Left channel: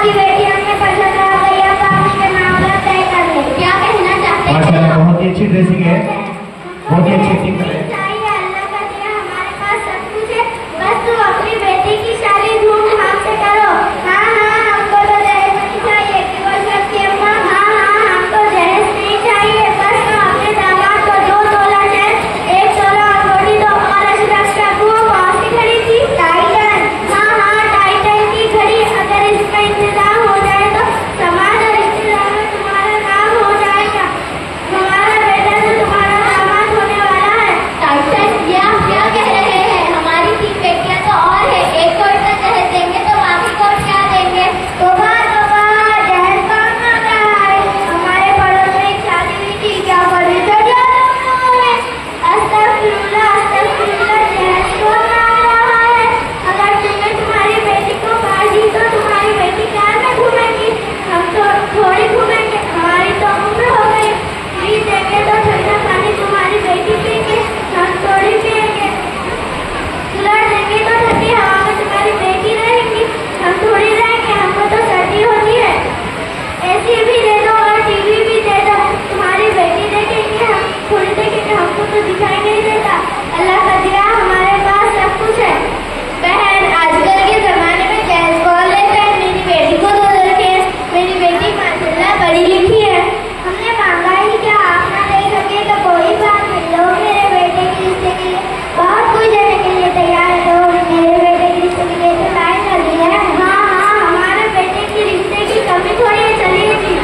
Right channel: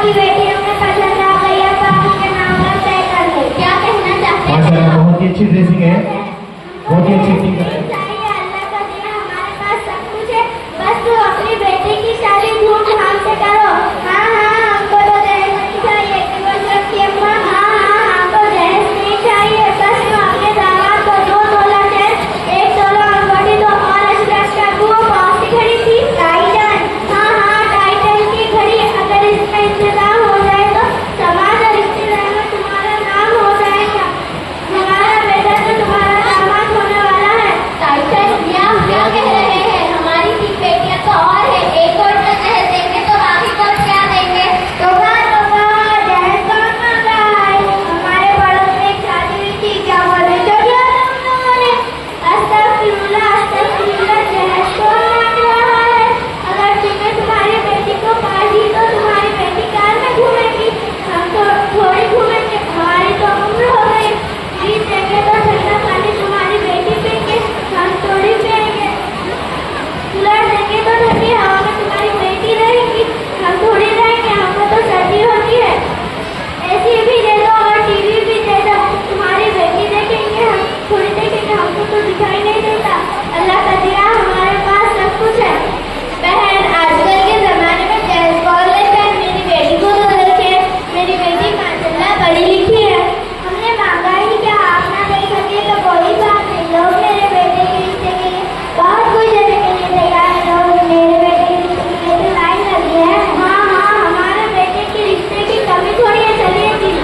वाली बेटी अपने पसंद आ गई, अब पापा के मामला तय कर ले। क्या कहना चाहते हैं? बहुत ही अच्छी ड्रेसिंग है, बहुत ही अच्छी एक्टिंग है। अल्लाह का दिया, हमारे पास सब कुछ है, बस तू अपनी बेटी की शादी धूमधाम से करो। हाँ हाँ, हमको तो दहेज नहीं चाहिए, केवल सबकी अपना। हाँ हाँ, हमको दहेज नहीं चाहिए, बस तू अपने दामाद को 2 तोला चेन, 1 तोला अंगूठी दो और अशरफ वो कौन सी घड़ी थी? टाइटन। हाँ हाँ, टाइटन की घड़ी। अगर इसका इंतजाम हो जाए तो समाज और रिश्तेदार में तुम्हारा नाम हो जाएगा। हमारा बेटा तो तुम्हारा दामाद होने वाला है। टाइटन क्या कह रहे हैं? हमारी 3 बेटियां तो और है, एक तो इतना दहेज देंगे तो बाकी को क्या देंगे? तोबा तोबा, दहेज कौन मांग रहा है? हमारे पड़ोस में एक शादी हुई थी, क्या बोले तो क्या तुम लोगों ने? अस्तगफिरुल्लाह, अस्तगफिरुल्लाह, दहेज कौन मांग रहा है? अगर तुमने तुम्हारी बेटी को मार दी तो तुम्हारी बेटी कहाँ से घूमेगी? हम तो थोड़ी घूमेंगे, हमारी तो उम्र हो गई। प्लीज देंगे तो ठंडा पानी तुम्हारी बेटी पिएंगे, हम थोड़ी पिएंगे। कूलर देंगे तो ठंडी हवा में तुम्हारी बेटी रहेगी, हम थोड़ी रहेंगे, हमको तो सर्दी होती है। एसी भी दे दो और टीवी भी दे दो, तुम्हारी बेटी देखेंगे, हम थोड़ी देखेंगे, हमको तो दिखाई नहीं देता। अल्लाह का दिया, हमारे पास सब कुछ है। बहन, आजकल के जमाने में जैसे बोल रहे थे, मेरी बेटी को तो देखे, मेरी बेटी माशाल्लाह पढ़ी लिखी है। हमने मांगा ही क्या, आप ना दे सके तो कोई बात नहीं, लोग मेरे बेटे के रिश्ते के लिए बहुत कुछ देने के लिए तैयार है। लोग मेरे बेटे के रिश्ते के लिए तो लाइन लगी है। हाँ हाँ, हमारे बेटे के रिश्ते की कमी थोड़ी चलेगी।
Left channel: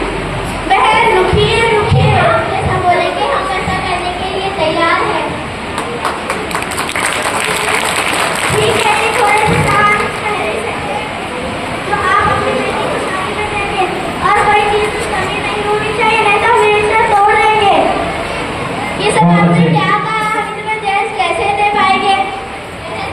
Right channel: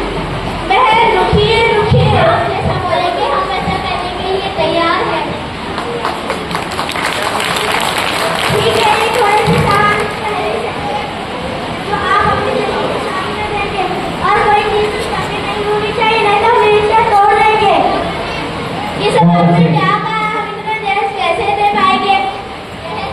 बहन रुकिए रुकिए, आपने सब बोले कि हम ऐसा करने के लिए तैयार है। ठीक है, थोड़े से सामान खरीद सकते हैं, तो आप मुझे सामने देंगे और कोई चीज तो कमी नहीं होनी चाहिए, नहीं तो हमेशा तोड़ देंगे। ये सब आपने क्या कहा? हम इतना दहेज कैसे दे पाएंगे?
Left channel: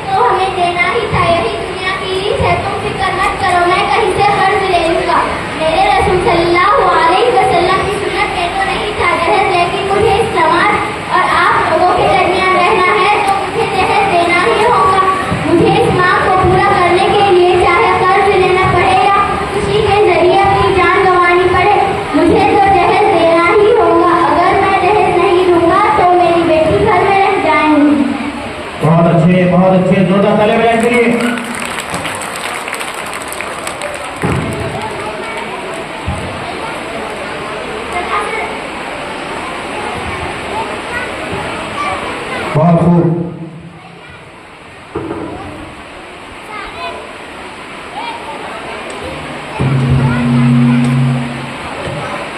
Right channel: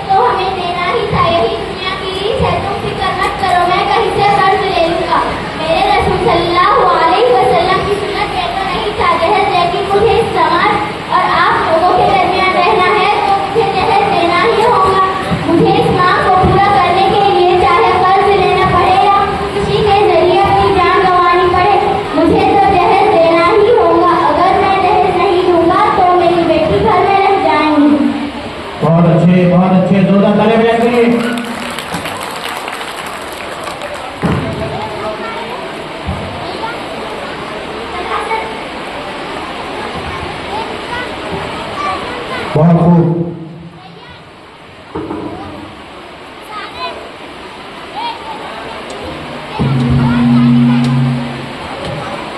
तो हमें देना ही था, यही दुनिया की रीत है। तुम फिक्र मत करो, मैं कहीं से कर्ज ले लूंगा। मेरे रसूल सल्लल्लाहु अलैहि वसल्लम की सुन्नत में तो नहीं था दहेज, लेकिन मुझे इस समाज और आप लोगों के दरमियान रहना है तो मुझे दहेज देना ही होगा। मुझे इस मांग को पूरा करने के लिए चाहे कर्ज लेना पड़े या किसी के जरिए अपनी जान गंवानी पड़े, मुझे तो दहेज देना ही होगा। अगर मैं दहेज नहीं दूंगा तो मेरी बेटी घर में रह जाएंगी। बहुत अच्छे, जोरदार तालियां बजाएं के लिए। बहुत खूब।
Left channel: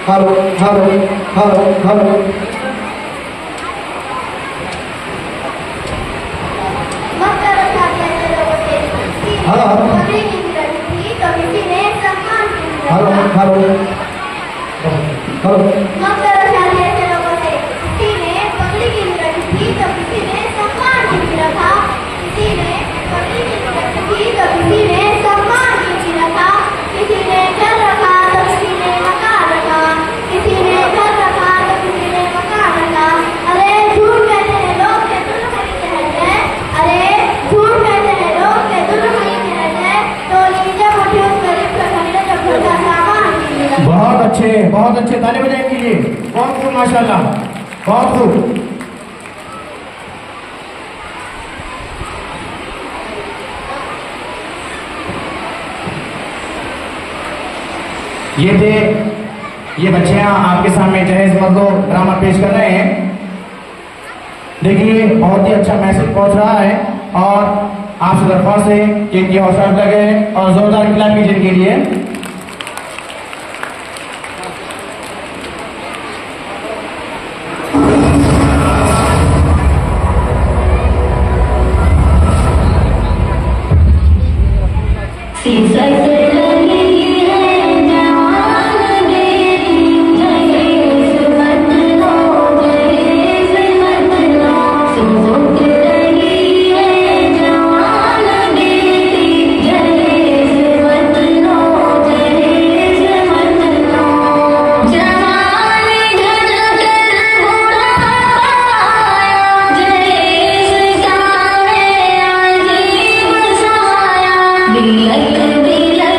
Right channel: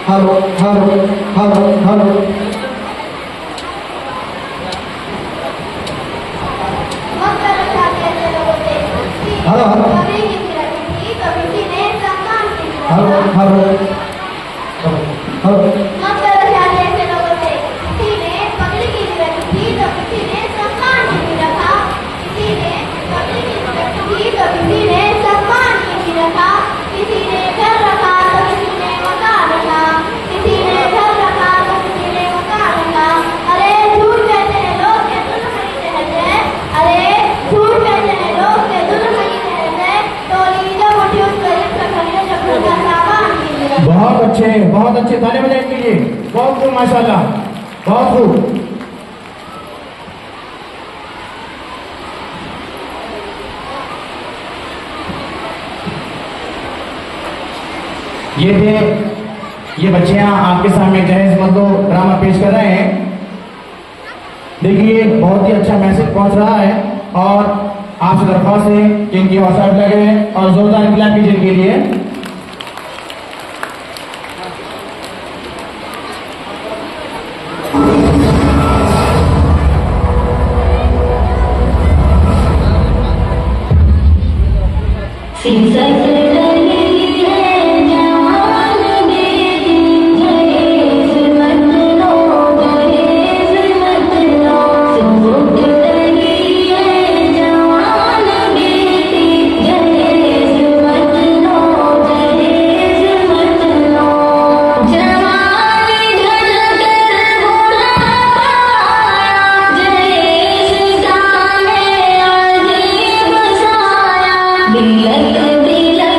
Hello hello hello hello. बहुत अच्छे तालियां बजाएं के लिए। बहुत खूब, माशाल्लाह, बहुत खूब। ये बच्चियां आपके सामने दहेज मर्दो ड्रामा पेश कर रहे हैं। देखिए, बहुत ही अच्छा मैसेज पहुंच रहा है और आपसे दरख्वास्त है कि इनकी हौसला लगे और जोरदार क्लैप कीजिए इनके लिए। Bila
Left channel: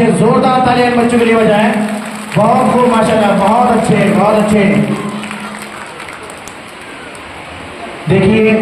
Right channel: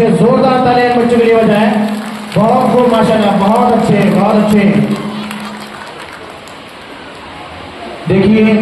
बच्चे जोरदार तालियां बच्चों के लिए बजाएं। बहुत खूब माशाल्लाह, बहुत अच्छे बहुत अच्छे। देखिए